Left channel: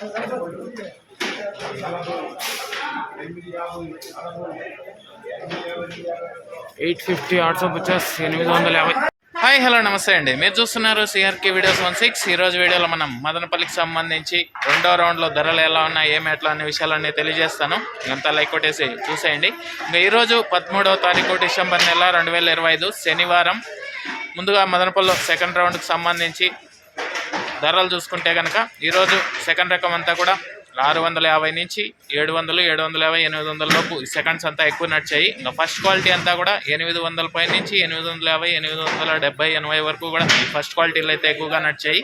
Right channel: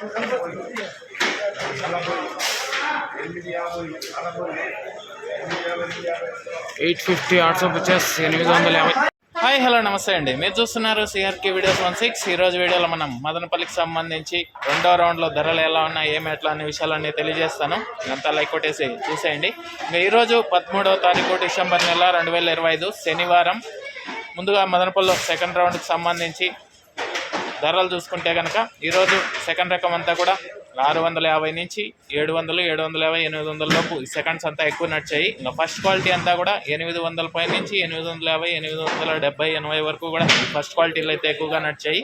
$850 850 850. Hi hello నమస్తే అండి. మీరు చూస్తున్నారు సిఆర్కే వీడియోస్ 16. ఈరోజు వీడియోలో మనం మదనపల్లికి సంబంధించి రెండో రౌండ్లో ధరలు ఎలా ఉన్నాయి, ఏమి ఎట్లా అనే విషయాలన్నీ తెలియజేస్తాను. అంతా లైక్ కొట్టేసి చూసేయండి. ఇంకా ఈరోజు 13వ తారీఖు డిసెంబర్ నెల 2025 శనివారం. ముందుగా మదనపల్లిలో సెకండ్ రౌండ్కి సంబంధించి ధరలు చూసుకుంటే కనుక ఈరోజు సెకండ్ రకం అంతా కూడా 650 నుంచి 700, 750, 800 లోపు సెకండ్స్ అంతా ఎక్కువ నడిచాయి. ఇంకా ఫస్ట్ క్వాలిటీ అంతా కూడా 800 పై నుంచి 850, 870, 80 వరకు కూడా ఫస్ట్ క్వాలిటీలు అయితే ఎక్కువగా నడిచాయి.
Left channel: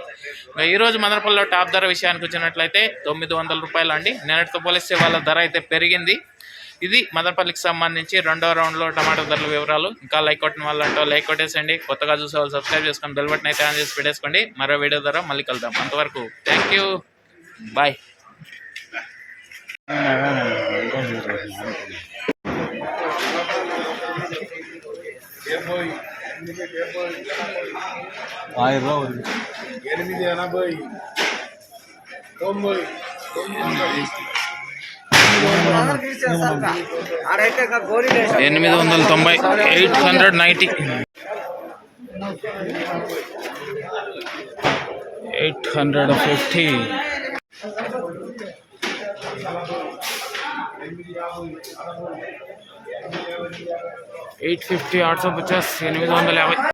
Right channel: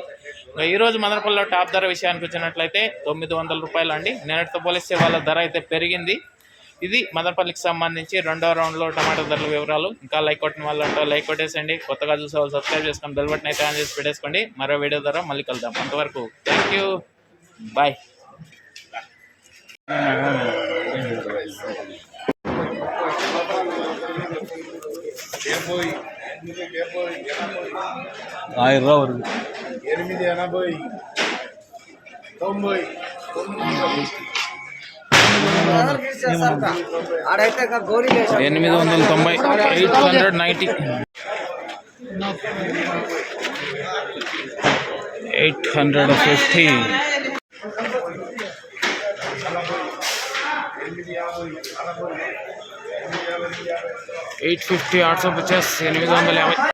ఇంకా ఈరోజు మదనపల్లిలో టాప్ ధర విషయానికి వచ్చినట్లయితే $900 అండి. నిన్నటితో పోలిస్తే వాళ్ళ ధర అయితే పెరిగింది. ఇది మదనపల్లికి సంబంధించి రెండో రౌండ్లో టమాటా ధరల వివరాలు. ఇంకా లైక్ కొట్టిన వాళ్ళంటో లైక్ కొట్టేసండి. కొత్తగా చూసే వాళ్ళు సబ్స్క్రైబ్ చేసుకొని బెల్ బటన్ అయితే ఆన్ చేసి పెట్టేసుకోండి. మరో వీడియో ద్వారా మళ్ళీ కలుద్దాం. అంతవరకు థ్యాంక్ యూ, బాయ్. $850. 850 850 850.